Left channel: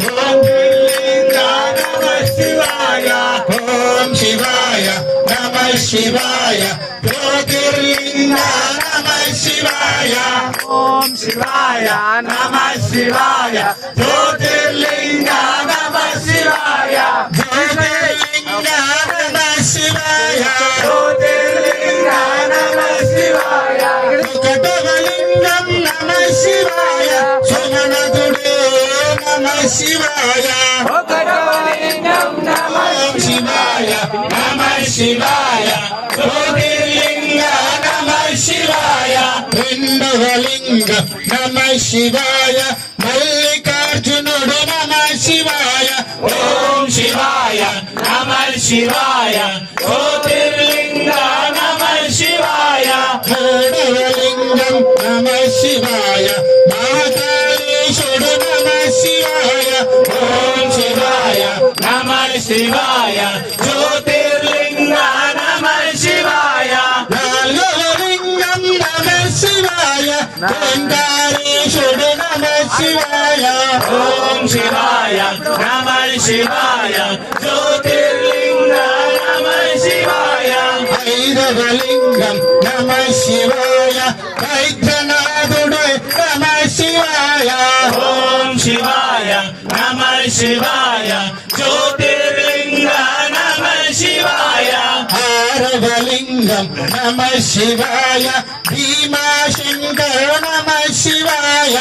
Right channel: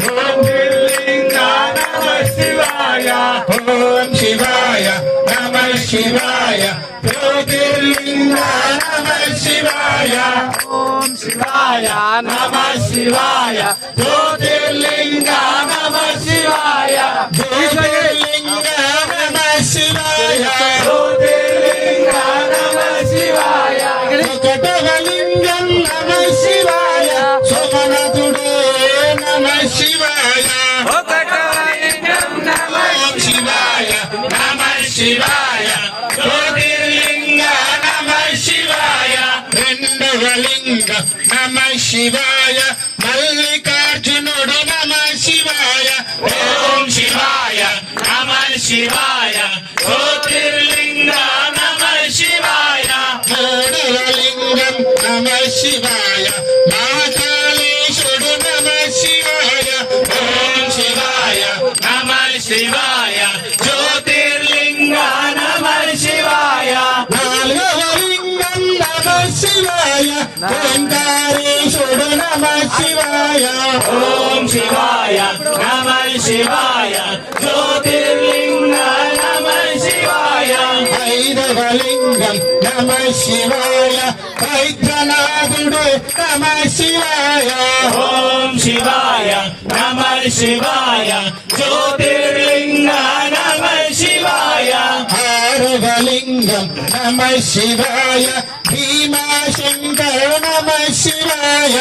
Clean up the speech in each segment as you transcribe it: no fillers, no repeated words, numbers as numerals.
ಜ್ಯೋತಿರ್ಲಿಂಗ ನಮಃ ಶಿವಾಯ ಓಂ ಶಿವಾಯ ನಮಃ ಶಿವಾಯ ಜ್ಯೋತಿರ್ಲಿಂಗ ನಮಃ ಶಿವಾಯ ಓಂ ಶಿವಾಯ ನಮಃ ಶಿವಾಯ ಜ್ಯೋತಿರ್ಲಿಂಗ ನಮಃ ಶಿವಾಯ ಜ್ಯೋತಿರ್ಲಿಂಗ ನಮಃ ಶಿವಾಯ ಜ್ಯೋತಿರ್ಲಿಂಗ ನಮಃ ಶಿವಾಯ ಕಟಗಲಿಂಗಂ ನಮಃ ಶಿವಾಯ ಸೋಮನದುಡೇ ನಮಃ ಶಿವಾಯ ಕಟಗಲಿಂಗಂ ನಮಃ ಶಿವಾಯ ನಮಃ ಶಿವಾಯ ಜ್ಯೋತಿರ್ಲಿಂಗ ನಮಃ ಶಿವಾಯ ಲಿಂಗ ನಮಃ ಶಿವಾಯ ಮಲ್ಲಿಕಾರ್ಜುನುಡು ನಮಃ ಶಿವಾಯ ಓಂ ಶಿವಾಯ ನಮಃ ಶಿವಾಯ ಜ್ಯೋತಿರ್ಲಿಂಗ ನಮಃ ಶಿವಾಯ ಮೂಡಲಿಂಗಂ ನಮಃ ಶಿವಾಯ ಮಹಾಕಾಳೇಶ್ವರ ನಮಃ ಶಿವಾಯ ಓಂ ಶಿವಾಯ ನಮಃ ಶಿವಾಯ ಜ್ಯೋತಿರ್ಲಿಂಗ ನಮಃ ಶಿವಾಯ ನಾಲ್ಗಲಿಂಗಂ ನಮಃ ಶಿವಾಯ ಓಂಕಾರೇಶ್ವರ ನಮಃ ಶಿವಾಯ ಓಂ ಶಿವಾಯ ನಮಃ ಶಿವಾಯ ಜ್ಯೋತಿರ್ಲಿಂಗ ನಮಃ ಶಿವಾಯ ಭೈರವಲಿಂಗಂ ನಮಃ ಶಿವಾಯ ವೈದ್ಯನಾಥುಡು ನಮಃ ಶಿವಾಯ ಓಂ ಶಿವಾಯ ನಮಃ ಶಿವಾಯ ಜ್ಯೋತಿರ್ಲಿಂಗ ನಮಃ ಶಿವಾಯ ಹಾರವಲಿಂಗಂ ನಮಃ ಶಿವಾಯ ಭೀಮಾಶಂಕರ ನಮಃ ಶಿವಾಯ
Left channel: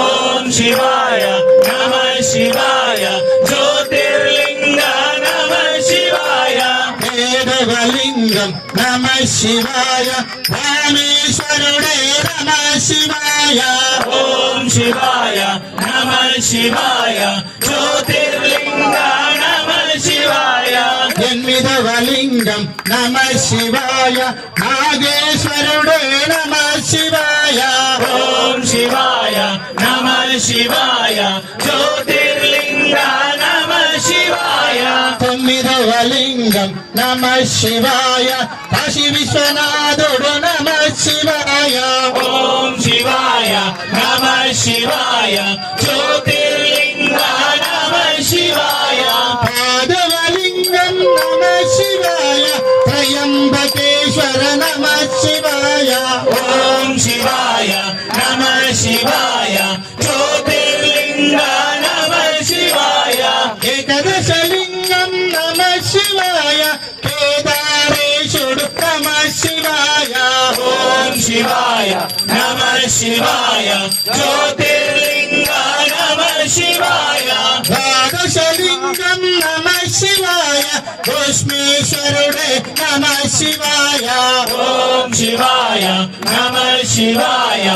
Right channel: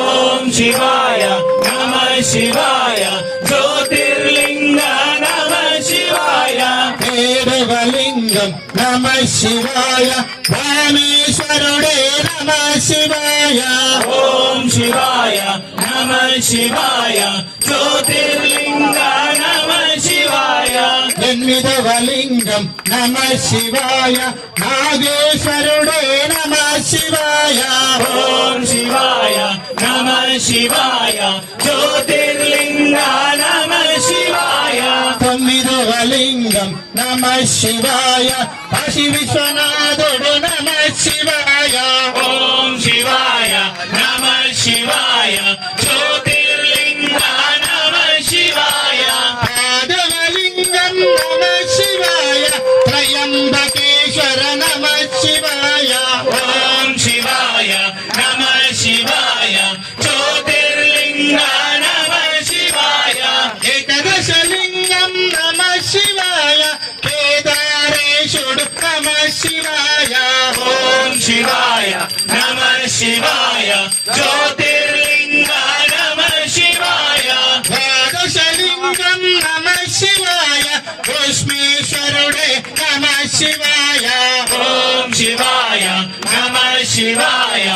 ಓಂ ಶಿವಾಯ ನಮಃ ಶಿವಾಯ ಜ್ಯೋತಿರ್ಲಿಂಗ ನಮಃ ಶಿವಾಯ ಭೈರವಲಿಂಗಂ ನಮಃ ಶಿವಾಯ ಭಾನೇಶ್ವರುಡೇ ನಮಃ ಶಿವಾಯ ಓಂ ಶಿವಾಯ ನಮಃ ಶಿವಾಯ ಜ್ಯೋತಿರ್ಲಿಂಗ ನಮಃ ಶಿವಾಯ ಜನ್ಮಿದವಲಿಂಗಂ ನಮಃ ಶಿವಾಯ ನಾಗೇಶ್ವರುಡೇ ನಮಃ ಶಿವಾಯ ಓಂ ಶಿವಾಯ ನಮಃ ಶಿವಾಯ ಜ್ಯೋತಿರ್ಲಿಂಗ ನಮಃ ಶಿವಾಯ ತಮ್ಮಿದವಲಿಂಗಂ ನಮಃ ಶಿವಾಯ ಕಾಶಿ ವಿಶ್ವನಾಥುಡು ನಮಃ ಶಿವಾಯ ಓಂ ಶಿವಾಯ ನಮಃ ಶಿವಾಯ ಜ್ಯೋತಿರ್ಲಿಂಗ ನಮಃ ಶಿವಾಯ ಪಾದವಲಿಂಗಂ ನಮಃ ಶಿವಾಯ ತ್ರಯಂಬಕೇಶ್ವರ ನಮಃ ಶಿವಾಯ ಓಂ ಶಿವಾಯ ನಮಃ ಶಿವಾಯ ಜ್ಯೋತಿರ್ಲಿಂಗ ನಮಃ ಶಿವಾಯ ಏಕದಶಲಿಂಗಂ ನಮಃ ಶಿವಾಯ ಕೇದಾರೇಶ್ವರ ನಮಃ ಶಿವಾಯ ಓಂ ಶಿವಾಯ ನಮಃ ಶಿವಾಯ ಜ್ಯೋತಿರ್ಲಿಂಗ ನಮಃ ಶಿವಾಯ ದ್ವಾದಶಲಿಂಗಂ ನಮಃ ಶಿವಾಯ ಭಸ್ಮೇಶ್ವರುಡೇ ನಮಃ ಶಿವಾಯ ಓಂ ಶಿವಾಯ ನಮಃ ಶಿವಾಯ